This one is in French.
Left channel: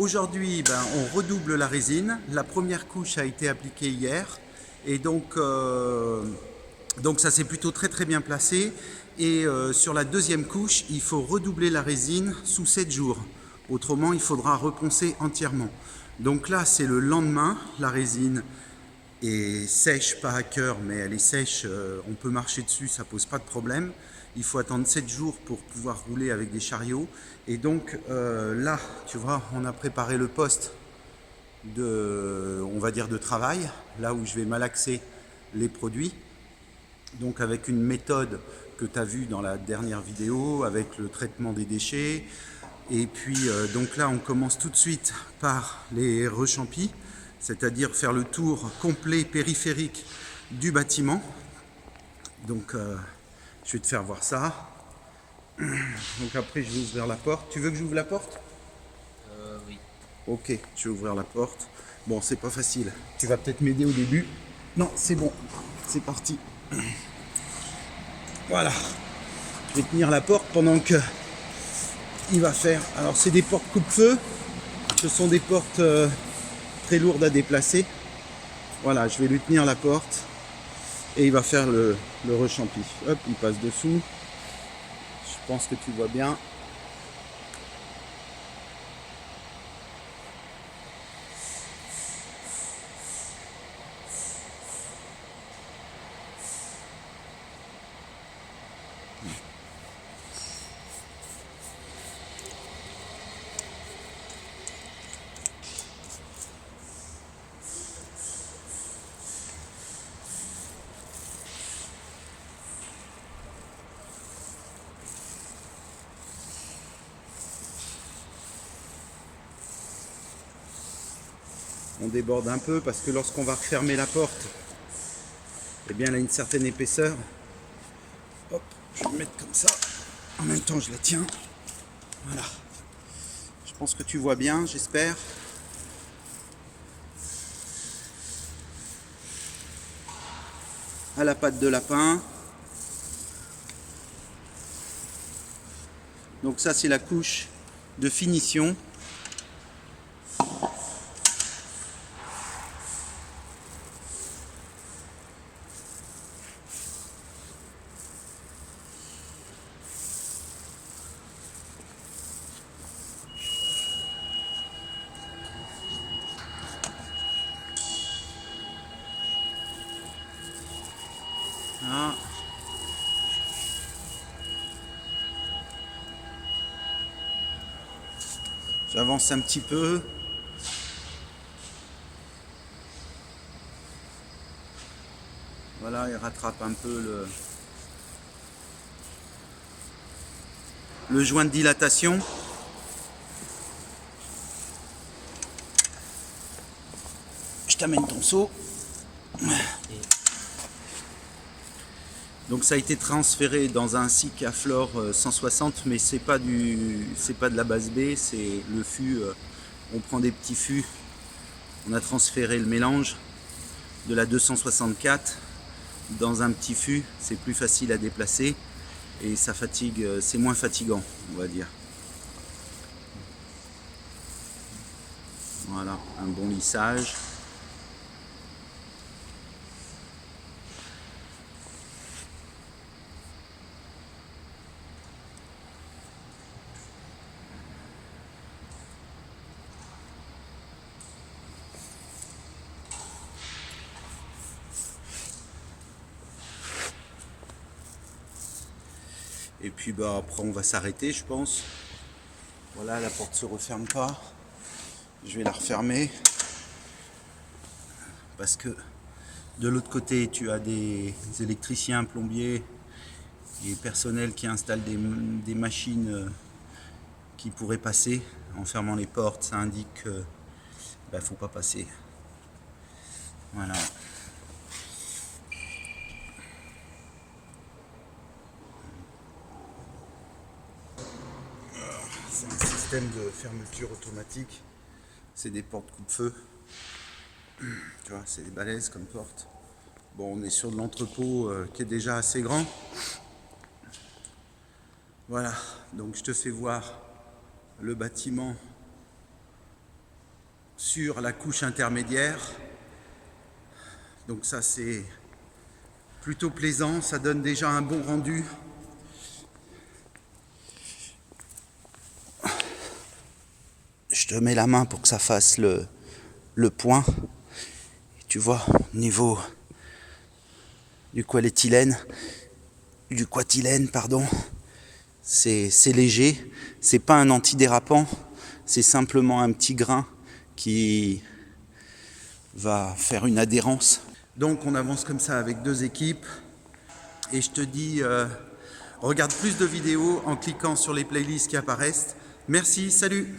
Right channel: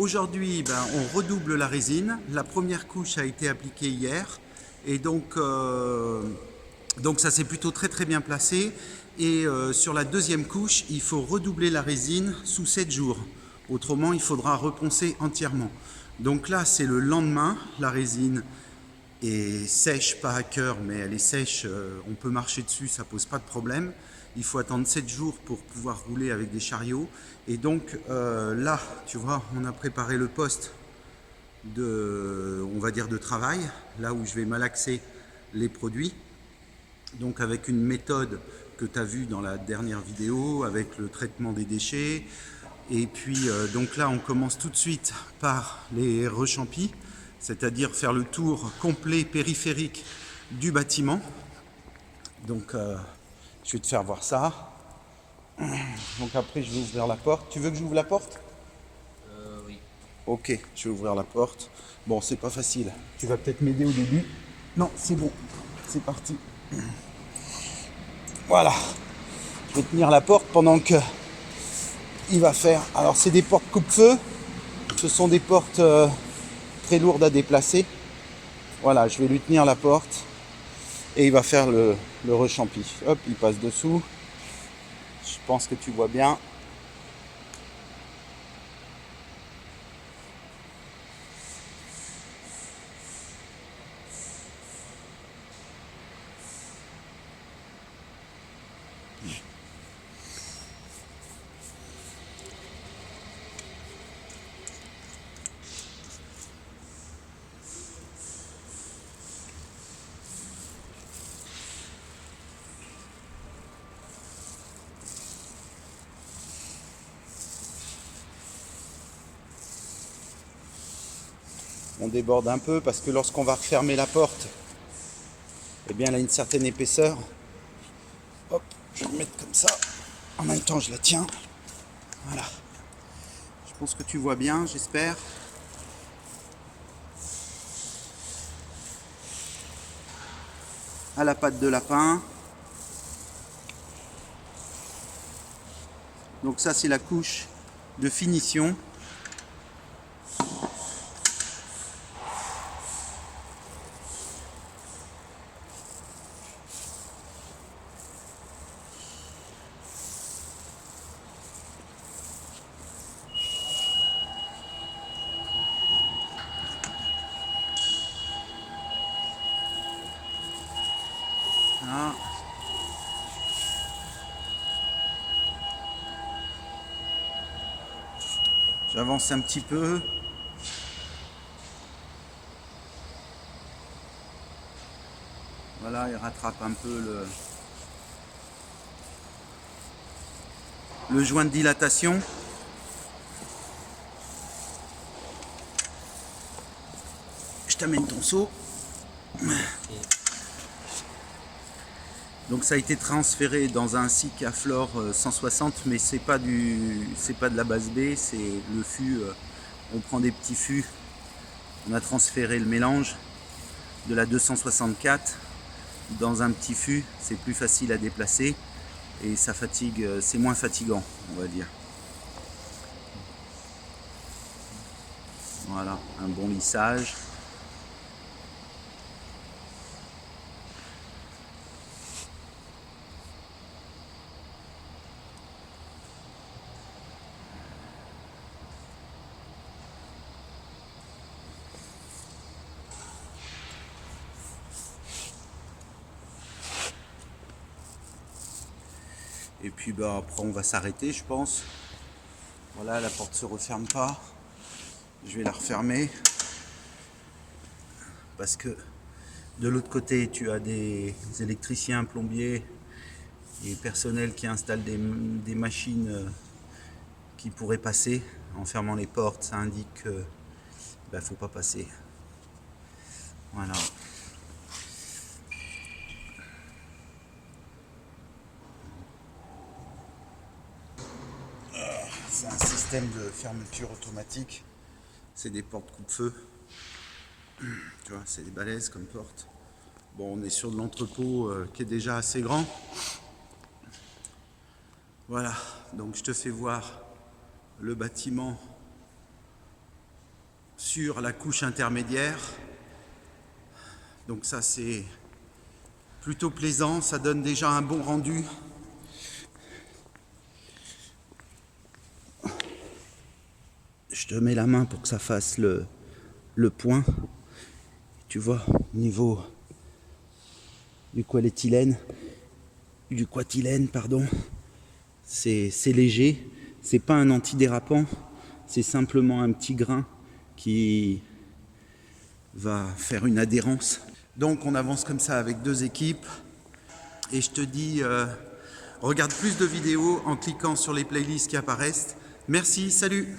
Aujourd'hui, on redouble la résine. La première couche a été appliquée hier et donc ça s'est plutôt très bien placé. Et sur la deuxième couche, il faut redoubler la résine sous 7 jours. Autrement, il faudra reponcer entièrement. Donc là, c'est le lendemain. La résine est sèche, pas à cœur, mais elle est sèche. On peut marcher dessus, ça pose pas de problème. Il faut attendre 7 jours pour pouvoir rouler avec des chariots. Et donc là, tu vois, on a préparé le poste on va dire de travail, là où je vais malaxer les produits. Donc avec une méthode que tu as vue dans la dernière vidéo, avec le traitement des déchets. Et puis donc là, on commence tout de suite par les rechampis, c'est-à-dire faire le tour complet périphérique du bâtiment. Donc je vais te faire voir ça. Donc après, je vais ouvrir la porte. Tu veux que j'ouvre la porte ? Oui. Ok, je vais ouvrir la porte. Bon, c'est pas facile. Tu vas peut-être m'aider au début. Non, c'est bon. C'est parti. Voilà. Je vais tenir la porte pendant que il va faire. Alors, c'est des portes coupe-feu. Ce sont des portes très lourdes à déplacer. Voilà, je vais lui tenir la porte et il va faire le rechampi. Hop, il passe dessous. Je pense que tu vois bien. On déborde un peu parce que lorsqu'on va refermer la porte, eh bien, elle a une certaine épaisseur. Hop, je vais la mettre comme ça. En même temps, je la tiens. Voilà. Je pense que tu vois bien, j'espère. À la pâte de lapin. Donc ça, c'est la couche de finition. Ah. J'avance un petit peu. Voilà, il rattrape un peu le joint de dilatation. Je t'amène ton seau. Donc ça a été transféré dans un Sikaflor 160, mais c'est pas de la base B, c'est le fût. On prend des petits fûts. On a transféré le mélange de la 264 dans un petit fût. C'est plus facile à déplacer et ça fatigue, c'est moins fatigant, on va dire. Voilà, un bon lissage. Et puis après on va s'arrêter, je pense. Voilà, la porte se referme pas. Je vais la refermer parce que de l'autre côté tu as des électriciens, plombiers et personnel qui installent des machines qui pourraient passer. En fermant les portes, ça indique que faut pas passer. Voilà. C'est un système de fermeture automatique. C'est des portes coupe-feu. Tu vois, c'est des balaises comme porte. Bon, on est sur de l'entrepôt qui est déjà assez grand. Voilà, donc je te fais voir le bâtiment sur la couche intermédiaire. Donc ça c'est plutôt plaisant, ça donne déjà un bon rendu. Je te mets la main pour que ça fasse le point. Tu vois, au niveau du quatilène, pardon, c'est léger, c'est pas un antidérapant, c'est simplement un petit grain qui va faire une adhérence. Donc on avance comme ça avec 2 équipes et je te dis, regarde plus de vidéos en cliquant sur les playlists qui apparaissent. Merci, salut!